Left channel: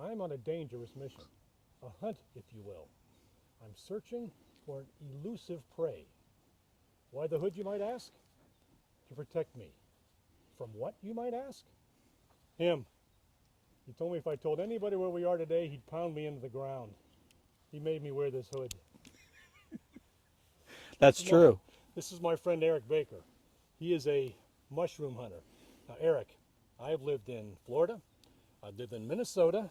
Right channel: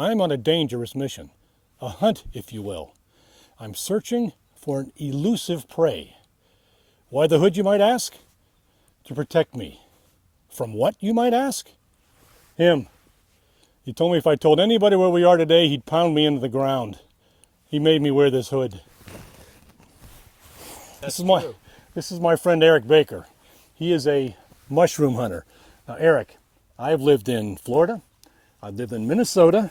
I'm on a dangerous mission, a hunt, if you will. I'm searching for an elusive prey. Why the hood, you might ask? To protect me. From what, you might ask? Him. He told me if I told anybody where we are today, he'd pound me into the ground. He made me wear this hood. That's true. This is my friend Eric Baker. He is a mushroom hunter. Now, Eric, I've lived in Florida, I've lived in Minnesota,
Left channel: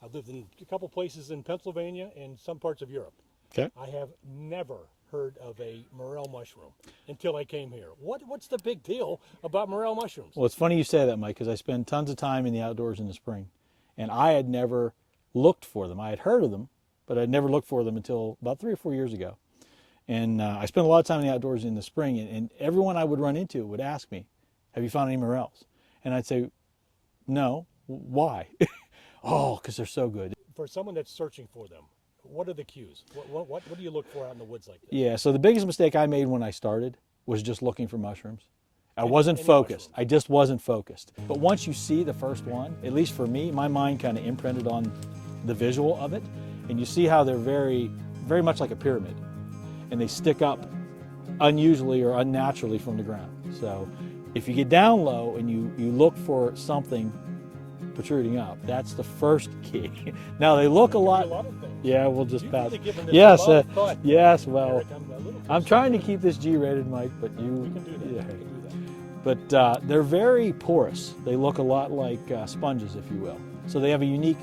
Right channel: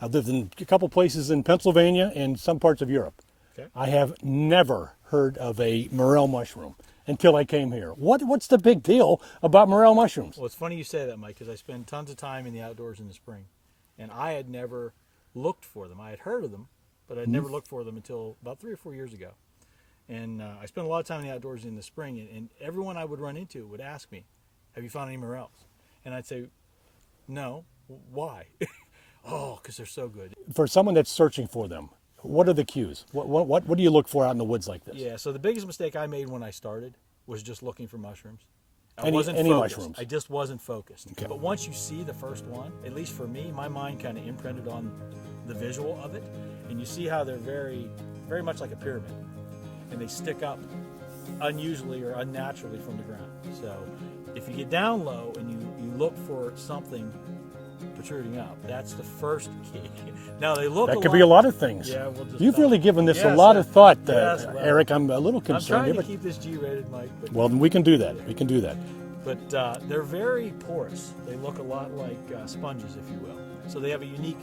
I've lived in a couple places in Pennsylvania and some parts of Europe. Okay. I have never heard of a morel mushroom until I came here. What's the big deal about morel mushrooms? Well, it's funny you say that, Mike, because I spend tons of time in the outdoors in the spring, and I had never looked for them. I had heard of them, but I'd never looked for them until about 3 or 4 years ago. And I spent a lot of time in the outdoors in the spring, and everyone I would run into would ask me, have you found any morels? And I'd say, no. Why? Oh, because they're so good. For someone that's searching for them, what are the cues? What do you look for out in the woods like this? Yeah, so the biggest mistake I made when I started was just looking for mushrooms. I wasn't focused. Mushrooms? I just wasn't focused. Okay. But once you see the first one, at least for me, my mind kind of imprinted on the visual of it, and you see how they're very, very much like a pyramid, and they stick up unusually or unnaturally from the ground. So if you get down low and you look for something protruding up, that's the first key. Now they look That could be a lot of things. Yeah, we'll just. You've really given this Yes, a lot of thought, yes, well, Eric. I'm a little concerned. I'm trying to keep this G-rated, Mike. But Well, we can do that. Yeah. We can do that. But they're very porous. They look a lot like sponges, if you will. So they have a unique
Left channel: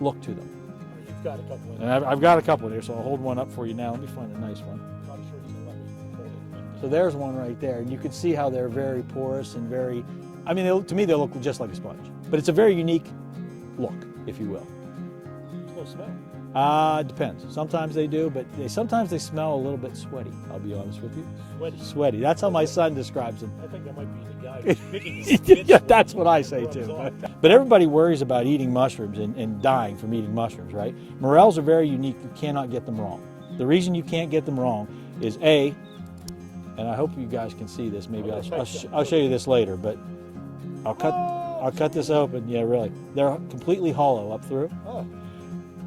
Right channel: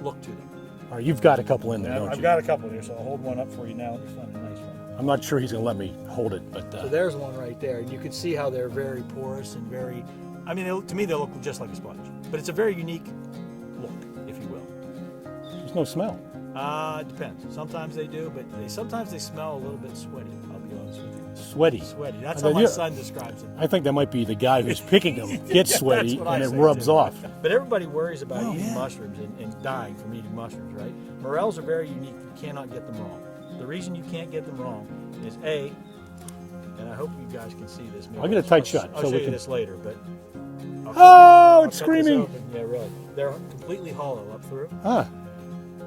look to them. All right, you've got a couple in And there. I've got a couple there, so I'll hold one up for you now and you find a nice one. I'm not sure he's going to let me hold it, but So there's one right there. You can see how they're very porous and very, I mean, to me they look just like a sponge. But it's a very unique look, if you will. there's no smell. Depends. Sometimes they do, but sometimes they smell a little bit sweaty, I'll be honest with you. Sweaty. Sweaty. That's how my son describes them. I think that might be the guy who's picking them. Gets sweaty That's what I and say it rubs too. off. But everybody worries about eating mushrooms and dying from eating mushrooms, right? Morels are very unique. You cannot get them wrong. The reason you can't get them wrong is A, and I hope you guys can see this. Maybe I'll get a tight shot. I'll show you this later, but I'll Oh, cut this open. Yeah, really. They're completely hollow up through. Ah,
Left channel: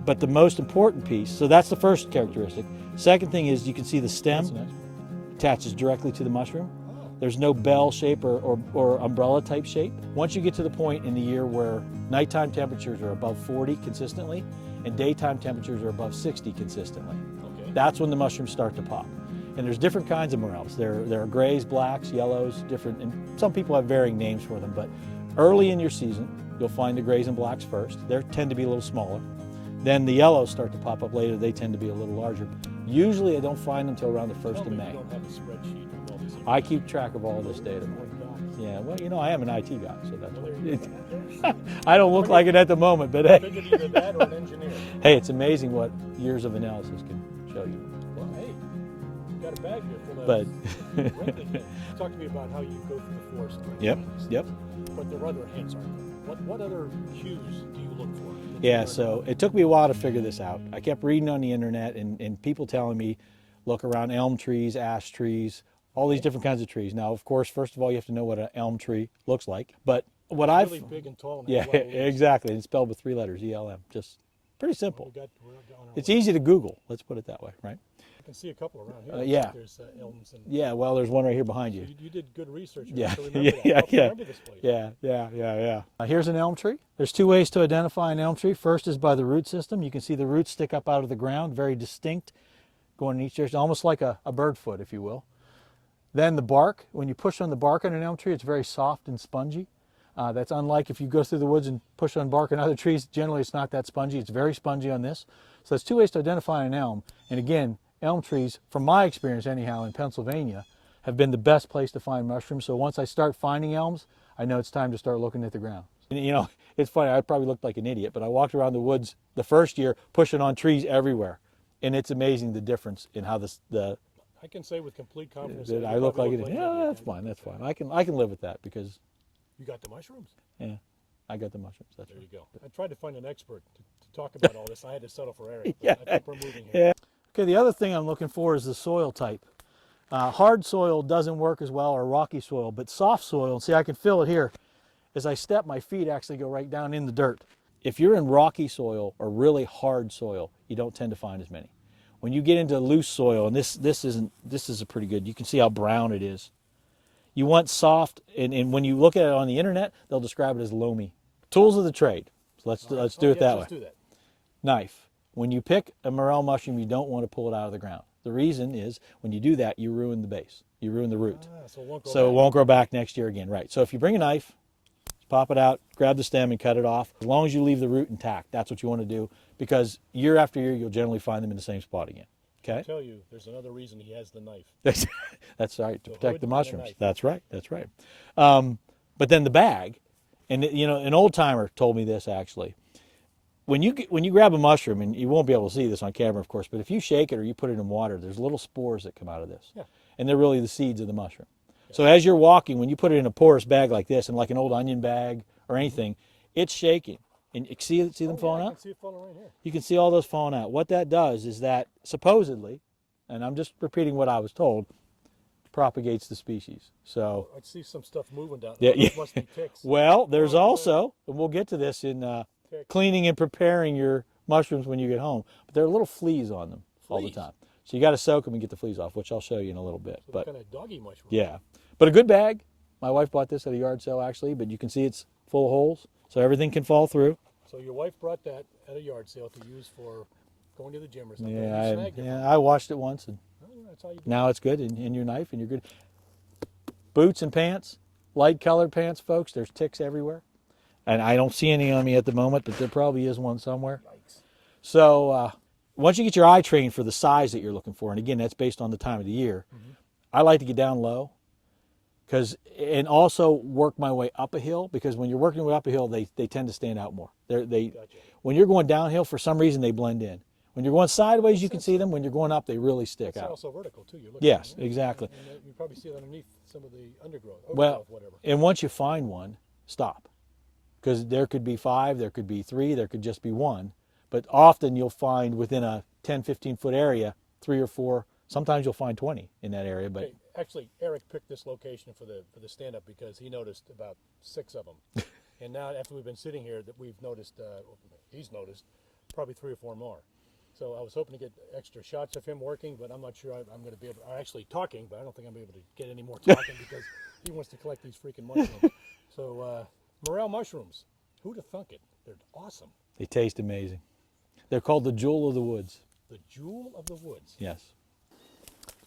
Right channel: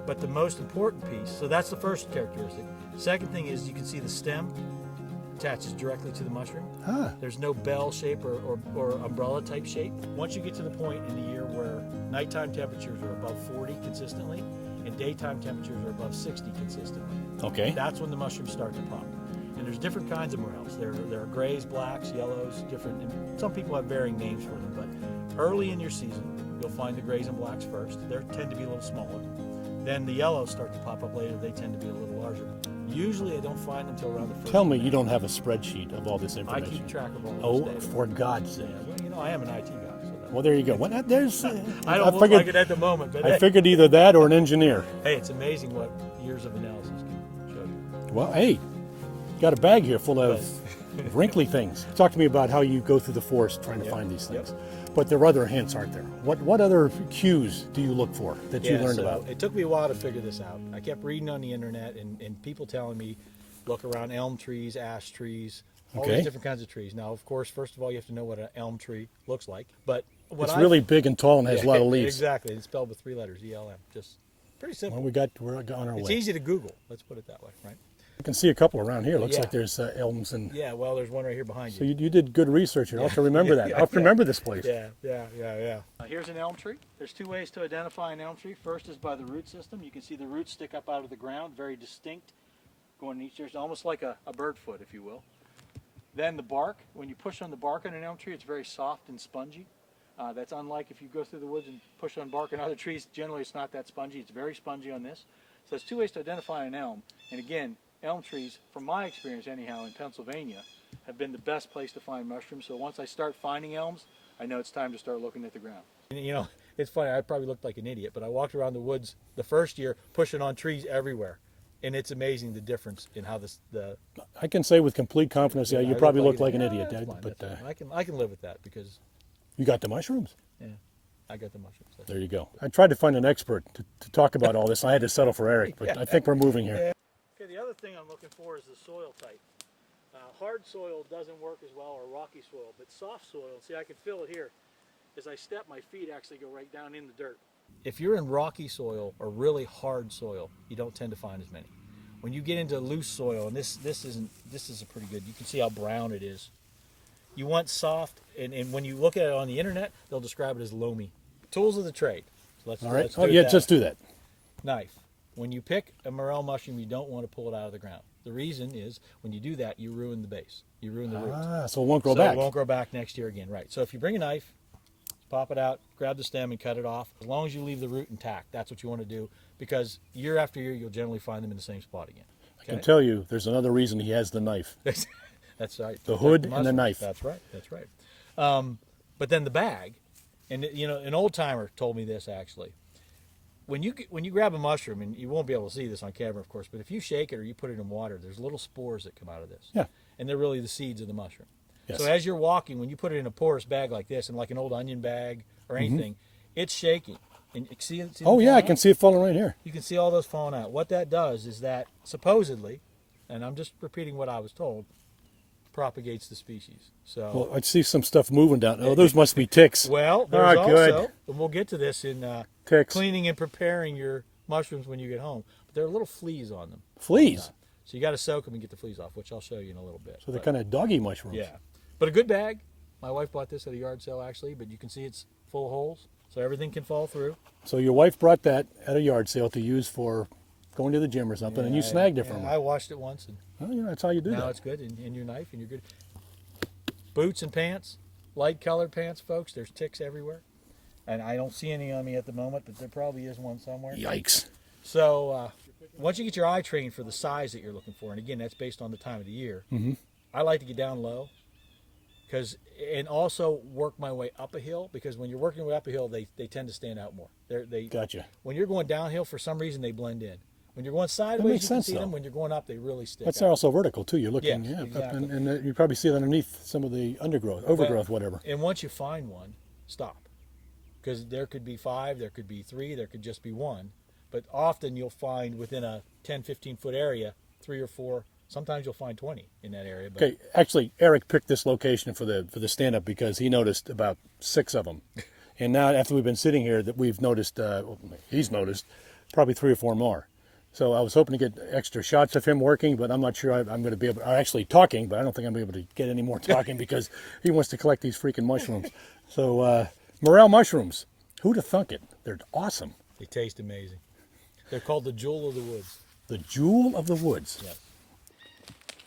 But the most important piece, so that's the first characteristic. Second thing is you can see the stem attaches directly to the mushroom. ah. There's no bell shape or umbrella type shape. Once you get to the point in the year where nighttime temperatures are above 40 consistently and daytime temperatures are above 60 consistently, Okay. that's when the mushrooms start to pop. And there's different kinds of morels. There are grays, blacks, yellows, different, and some people have varying names for them, but early in your season, you'll find the grays and blacks first. They tend to be a little smaller. Then the yellows start to pop up later. They tend to be a little larger. Usually I don't find them until around the first Tell me of May. you don't have a spreadsheet of all this information. I keep track of all of Oh, this data. for God's sake. Yeah, well, you know, I am an IT guy, so that's... Well, there you go. There's, I don't look like it at the moment, but I hey, figured either that or an engineer. hey, it's amazing what years of analysis can show you. Well, hey, got a bag here full of wrinkly things. Talk to me about how you go through the forest trying to find these things. But there are other hints, aren't there? What other cues do you look for that you learned about? It took me a while to figure this out. I kept reading on the internet and people telling me, look around elm trees, ash trees, all these different kinds of trees. Now, of course, first of all, you have to know what an elm tree looks like. But what It's really big and tall and has a lot of leaves. Exactly. It's spelled with 3 letters, ELM. Just pretty simple. Well, we're on our It's way. easy to Google. Let's put it that way, right? You can see a couple around here. Looks yeah. like there's elms and. Yeah, well, there's one right here behind So you. you did good research. You'll have to remember that. I'll have to remember this place. Yeah. Here's an elm tree. There's 2 ways to identify an elm tree. First is by the root system. You can see the roots stick up out of the ground, very distinct, going in each direction, almost like a bird foot, if you will. Then the bark. When you push on the bark on an elm tree, it's very soft and spongy. That's unlike if you go through the woods and push on bark on other trees. Generally, it's not that spongy. It's very spongy on this. So there's 2 ways to identify an elm. And again, elm trees, from my experience anyhow in Pennsylvania, have been the best place to find mushrooms. So once I start finding elms, I know it's time to start looking at the ground. And, you know, it's funny, I probably looked like an idiot, but I walked around the woods the first year pushing on trees everywhere. And it's amazing the difference in how I can say with complete confidence, yeah, you probably look like an idiot. That's fine, but, that's fine. I can live with that because you got the mushrooms. yeah, I got the mushrooms. There you go. I tried to find an expert to talk about all this. I had to settle for Eric, but I think we're moving here. Yeah. Okay, the other thing I'm looking for is the soil type. Hard soil doesn't work as well, or rocky soil, but soft soil, see I can feel it here. As I step, my feet actually go right down in the dirt. if you're in rocky soil or really hard soil, you don't tend to find as many. When you get into loose soil, and this is a pretty good, you can see how brown it is. You want soft, and when you look at it on the internet, they'll describe it as loamy. Tools of the trade. So let's do it that just way. do that. Knife. When you pick a morel mushroom, you don't want to pull it out of the ground. The reason is when you do that, you ruin the base. You ruin the root. So it won't grow So back. it won't grow back next year again, right? So if you bring a knife, pop it out, grab the stem and cut it off. As long as you leave the root intact, that's what you want to do, because year after year, you'll generally find them in the same spot again. I can tell you, there's another reason he has the knife. That's right. The hood and the mushrooms. knife. That's right. That's right. But then the bag, and you know, an old timer told me this actually. When you grab a mushroom, and you won't be able to see this on camera, of course, but if you shake it or you put it in water, there's little spores that come out of this. Yeah. And they're really the seeds of the mushroom. Yes. So as you're walking, when you put it in a porous bag like this, and like an old onion bag or anything, it's shaking. And you see them Oh yeah, I falling can out? see it falling right here. You can see all those falling out. What that does is that supposedly, and I'm just repeating what I was told, propagates the species. So Well, I see some stuff moving down. Oh, those must be ticks. well, there's All right, good. also, and we'll get to this in Ticks. cleaning and preparing your mushrooms when you get home, but there are little fleas on them. all the Fleas? time. So you got to soak them and get the fleas off, which I'll show you in a little bit. So they're But, kind of doggy mushrooms. yeah, but a good bag. My wife bought this at a yard sale actually, but you can see it's full of holes, so everything can fall through. So your wife brought that at a yard sale to use for going to the gym or something, and you snagged it from her. I washed it once, and Oh, yeah, that's how you do now it. it's good in your knife, and you're good. Boots and pants, light colored pants, folks. There's ticks everywhere, and I don't see any on me at the moment, but there probably is one somewhere. Yikes. So once you get your eye trained for the size that you're looking for, and again, that's based on the time of the year, I like to get down low, and also work my way up a hill, because when you're working your way up a hill, they tend to stand out more. They Gotcha. When you're going downhill, for some reason, they blend in. When you're going sideways, makes you can sense, see though. them. When you're going up, they really stick That's out. also vertical too. You're looking. Yes, exactly. And you probably see it underneath some of the overgrowth, whatever. And once you find one, stop. Because there could be 5, there could be 3, there could just be 1. But often you'll find within a 10, 15-foot area, 3 or 4, sometimes you'll find 20 in that area. But Okay, actually, Eric picked this location for the stand-up because he noticed about 6 of them. And now after we've been sitting here, that we've noticed, he's noticed probably 3 or 4 more. So I was hoping to get extra shots of him working, but I'm not sure I'm going to be able, or actually talking, but I don't think I'm going to be able to get any more talking because he wants to collect these freaking mushrooms. So Morel Mushrooms, who'd have thunk it? They're awesome. they taste amazing. They're called the jewel of the woods. The jewel of the woods. Yes.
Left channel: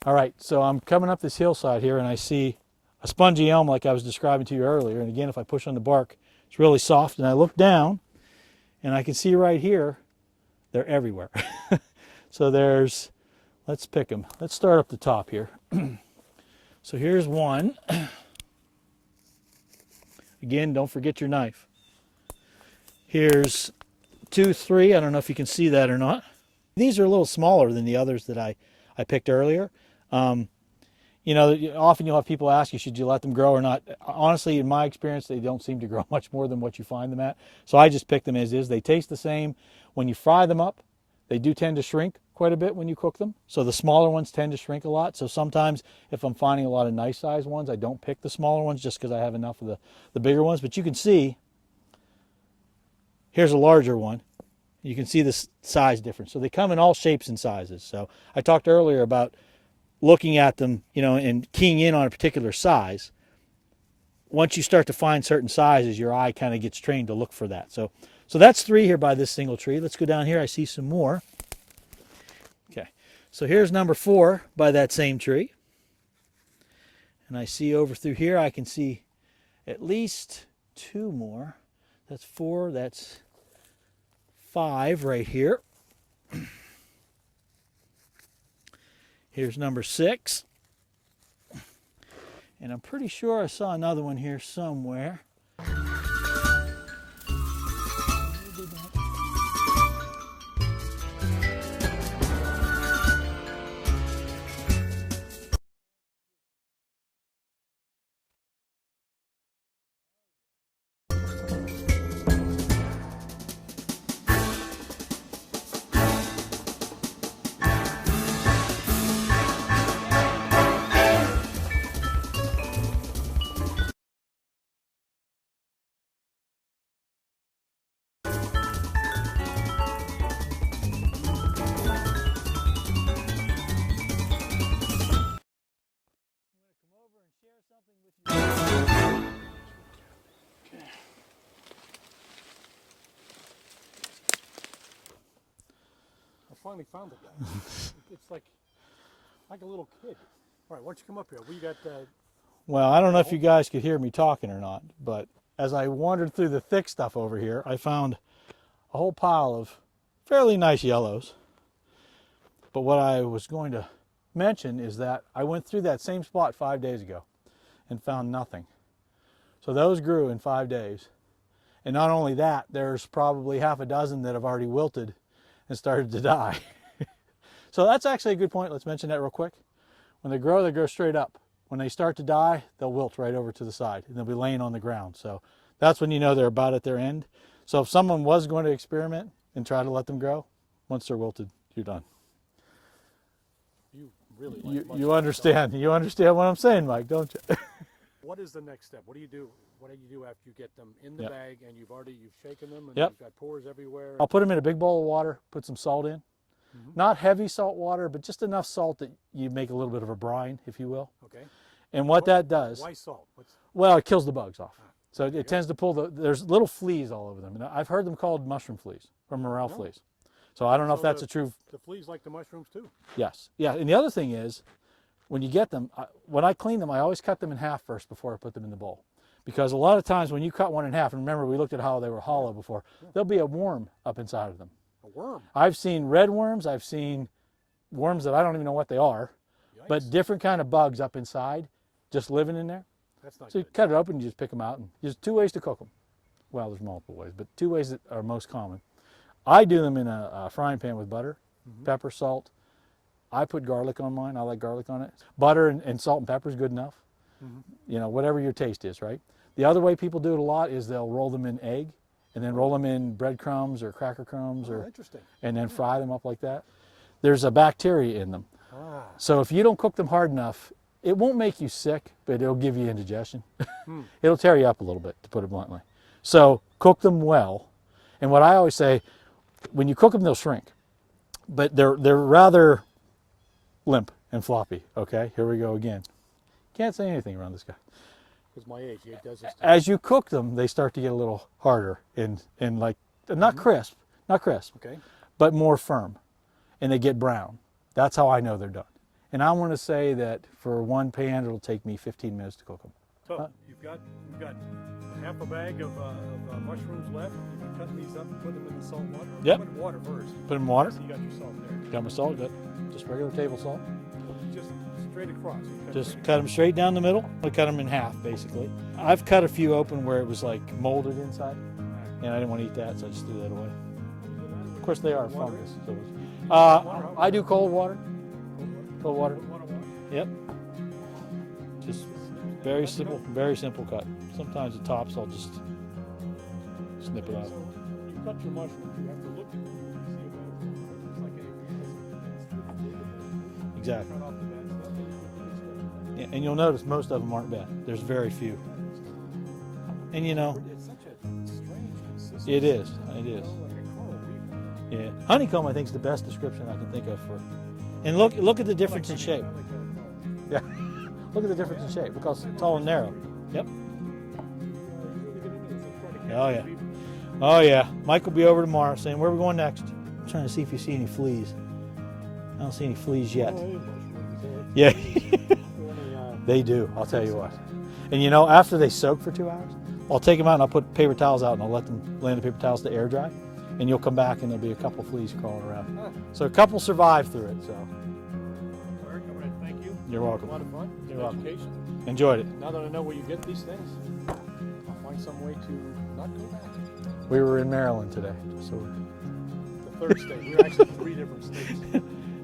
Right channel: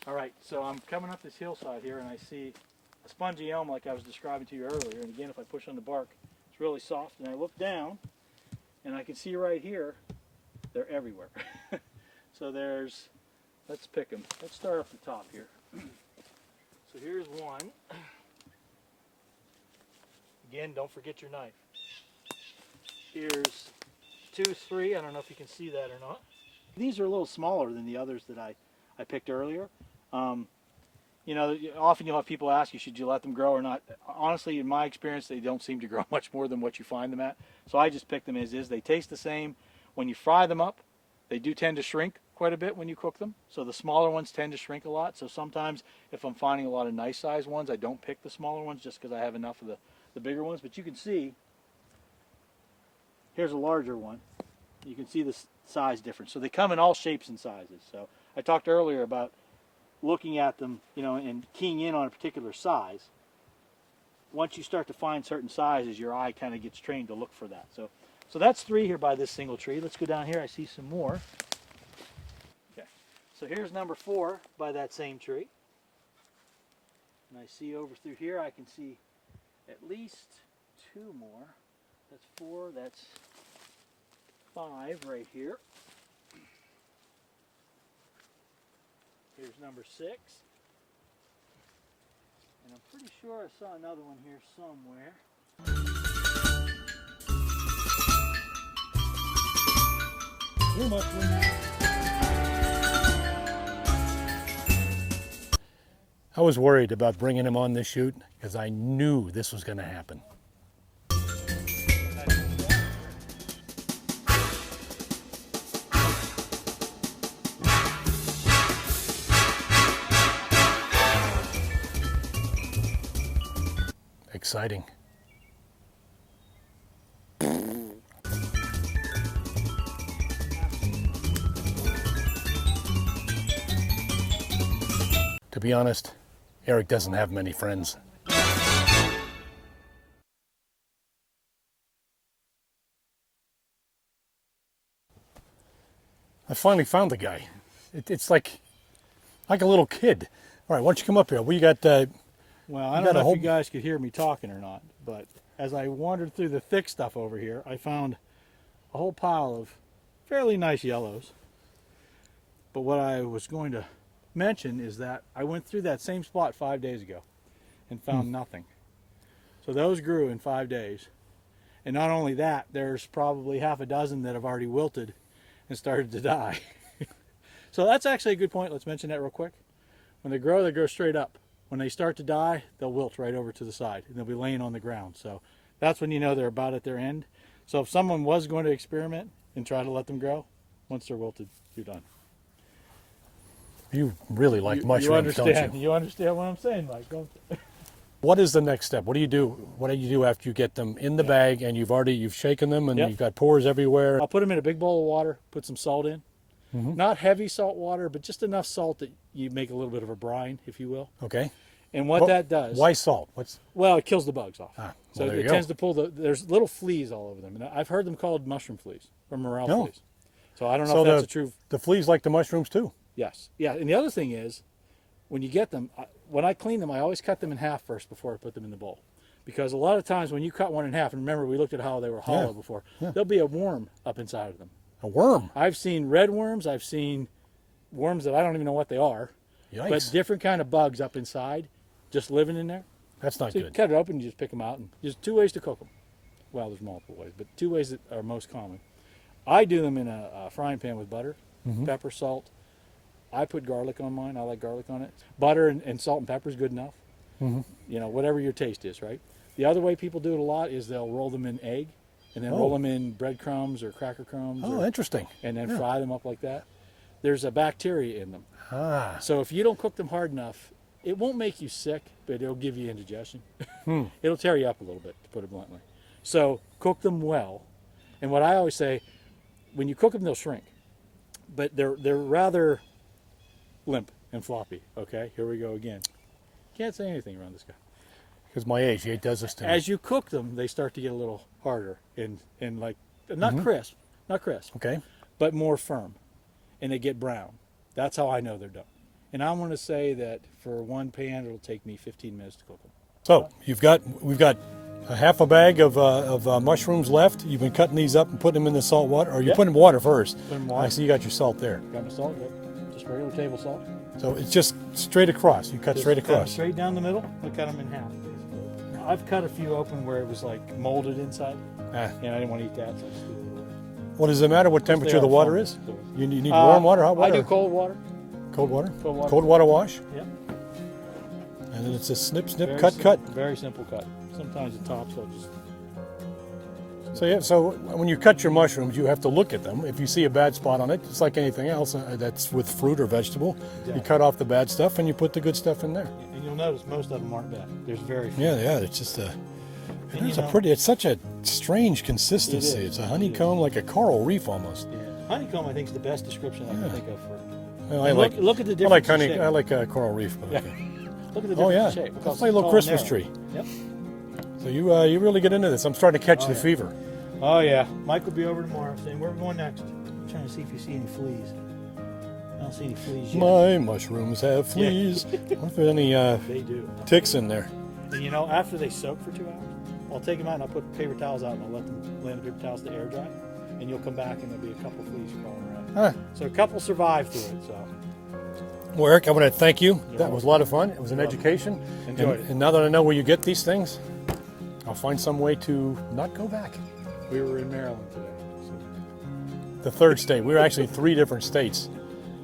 All right, so I'm coming up this hillside here, and I see a spongy elm like I was describing to you earlier. And again, if I push on the bark, it's really soft. And I look down, and I can see right here, they're everywhere. So there's, let's pick them. Let's start up the top here. So here's one. Again, don't forget your knife. Here's 2, 3. I don't know if you can see that or not. These are a little smaller than the others that I picked earlier. You know, often you'll have people ask you, should you let them grow or not? Honestly, in my experience, they don't seem to grow much more than what you find them at. So I just pick them as is. They taste the same. When you fry them up, they do tend to shrink quite a bit when you cook them. So the smaller ones tend to shrink a lot. So sometimes if I'm finding a lot of nice sized ones, I don't pick the smaller ones just because I have enough of the bigger ones. But you can see, here's a larger one. You can see the size difference. So they come in all shapes and sizes. So I talked earlier about looking at them, you know, and keying in on a particular size. Once you start to find certain sizes, your eye kind of gets trained to look for that. So that's 3 here by this single tree. Let's go down here. I see some more. Okay. So here's number 4 by that same tree. And I see over through here, I can see at least 2 more. That's 4. That's 5 right here. Here's number 6. And I'm pretty sure I saw another one here somewhere. I was worried about bringing him on this shoot because I knew this was going to happen. Exciting. be honest, Eric doesn't have many friends. I finally found the guy. It's like a little kid. All right, why don't you come up here? We got. Well, I don't got a know if whole- you guys could hear me talking or not, but as I wandered through the thick stuff over here, I found a whole pile of fairly nice yellows. But what I was going to mention is that I went through that same spot 5 days ago and found nothing. So those grew in 5 days. And not only that, there's probably half a dozen that have already wilted and started to die. So that's actually a good point. Let's mention that real quick. When they grow straight up. When they start to die, they'll wilt right over to the side and they'll be laying on the ground. So that's when you know they're about at their end. So if someone was going to experiment and try to let them grow, once they're wilted, you're done. You really like mushrooms, You understand. don't you? You understand what I'm saying, Mike, don't you? What is the next step? What do you do? What do you do after you get them in the bag and you've shaken them and Yep. you've got pores everywhere? I'll put them in a big bowl of water, put some salt in. Not heavy salt water, but just enough salt that you make a little bit of a brine, if you will. Okay. And what that does, Why salt? well, it kills the bugs off. So well, there it you tends go. to pull there's little fleas all over them. And I've heard them called mushroom fleas or morel No. fleas. So I don't know So if that's a true. the fleas like the mushrooms too. Yes. Yeah. And the other thing is, when you get them, when I clean them, I always cut them in half first before I put them in the bowl. Because a lot of times when you cut one in half, and remember we looked at how they were hollow before, there'll be a worm up inside of them. A worm. I've seen red worms. I've seen worms that I don't even know what they are. Yikes. But different kind of bugs up inside, just living in there. That's not So you good. cut it open, you just pick them out. And there's 2 ways to cook them. Well, there's multiple ways, but 2 ways that are most common. I do them in a frying pan with butter, pepper, salt. I put garlic on mine. I like garlic on it. Butter and salt and pepper is good enough. You know, whatever your taste is, right? The other way people do it a lot is they'll roll them in egg and then roll them in breadcrumbs or cracker crumbs. Oh, interesting. And then fry them up like that. There's a bacteria in them. Ah. So if you don't cook them hard enough, it won't make you sick, but it'll give you indigestion. It'll tear you up a little bit, to put it bluntly. So cook them well. And what I always say, when you cook them, they'll shrink. But they're rather limp and floppy. Okay, here we go again. Can't say anything around this guy. Because my age, he does this to me. As you cook them, they start to get a little harder and like, not crisp, Okay. but more firm. And they get brown. That's how I know they're done. And I want to say that for one pan, it'll take me 15 minutes to cook them. So we've got a half a bag of mushrooms left. You've been cutting these up and putting them in the salt water, or you Yep. put them in water first. Put 'em in water. I see you got your salt there. Got my salt, got just regular table salt. So it's just straight across. You cut Just straight cut them across. straight down the middle. I cut them in half, basically. I've cut a few open where it was like molded inside, Ah. and I didn't want to eat that, so I just threw it away. Well, does it matter what Plus, temperature they the are water foam, is? so- You need warm water, hot water? I do cold water. Cold water? Cold water. Cold water wash? Yep. And then it's a snip, snip, Very cut, simple, cut. Very simple cut. Sometimes the tops I'll just. So yeah, so when you cut your mushrooms, you have to look at them. If you see a bad spot on it, it's like anything else that's with fruit or vegetable. Exactly. You cut off the bad stuff and you put the good stuff in there. And you'll notice most of them aren't bad. There's very few. Yeah, it's just a. And, It's a pretty. It's such a strange consistency. It is. It's a It honeycomb, like a coral reef almost. Yeah. Honeycomb, I think, is the best description I can think of for. I And like. look at the I like difference in honey. shape. I like coral reef. Yeah. Look at the difference Oh yeah, in shape. Look how it's like a little tall and Christmas narrow. tree. Yep. So you really get into this. I'm starting to catch Oh, the yeah. fever. Oh yeah. Mike will be over tomorrow saying, "Where are we going next?" I'm trying to see if you see any fleas. I don't see any fleas yet. My mushrooms have Yeah. fleas. If there's any They do. I'll tell ticks you in what. there. And you know, after they soak for 2 hours, I'll take them out and I'll put paper towels out and I'll let them lay in the paper towels to air dry. And you'll come back and there'll be a couple fleas crawling around. Huh. So a couple survived through it. So Well, Eric, I want to thank you. You're That was a lot of fun. It was an welcome. education. Enjoyed it. And now that I know where you get these things, I'll find some way to not go back. we were in Maryland today. So The third state. We were actually 3 different states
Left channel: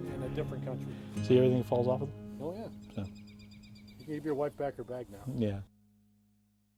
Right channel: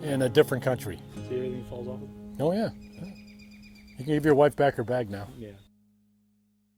in a different country. see everything falls off of it? Oh yeah. You can give your wife back her bag now. Yeah.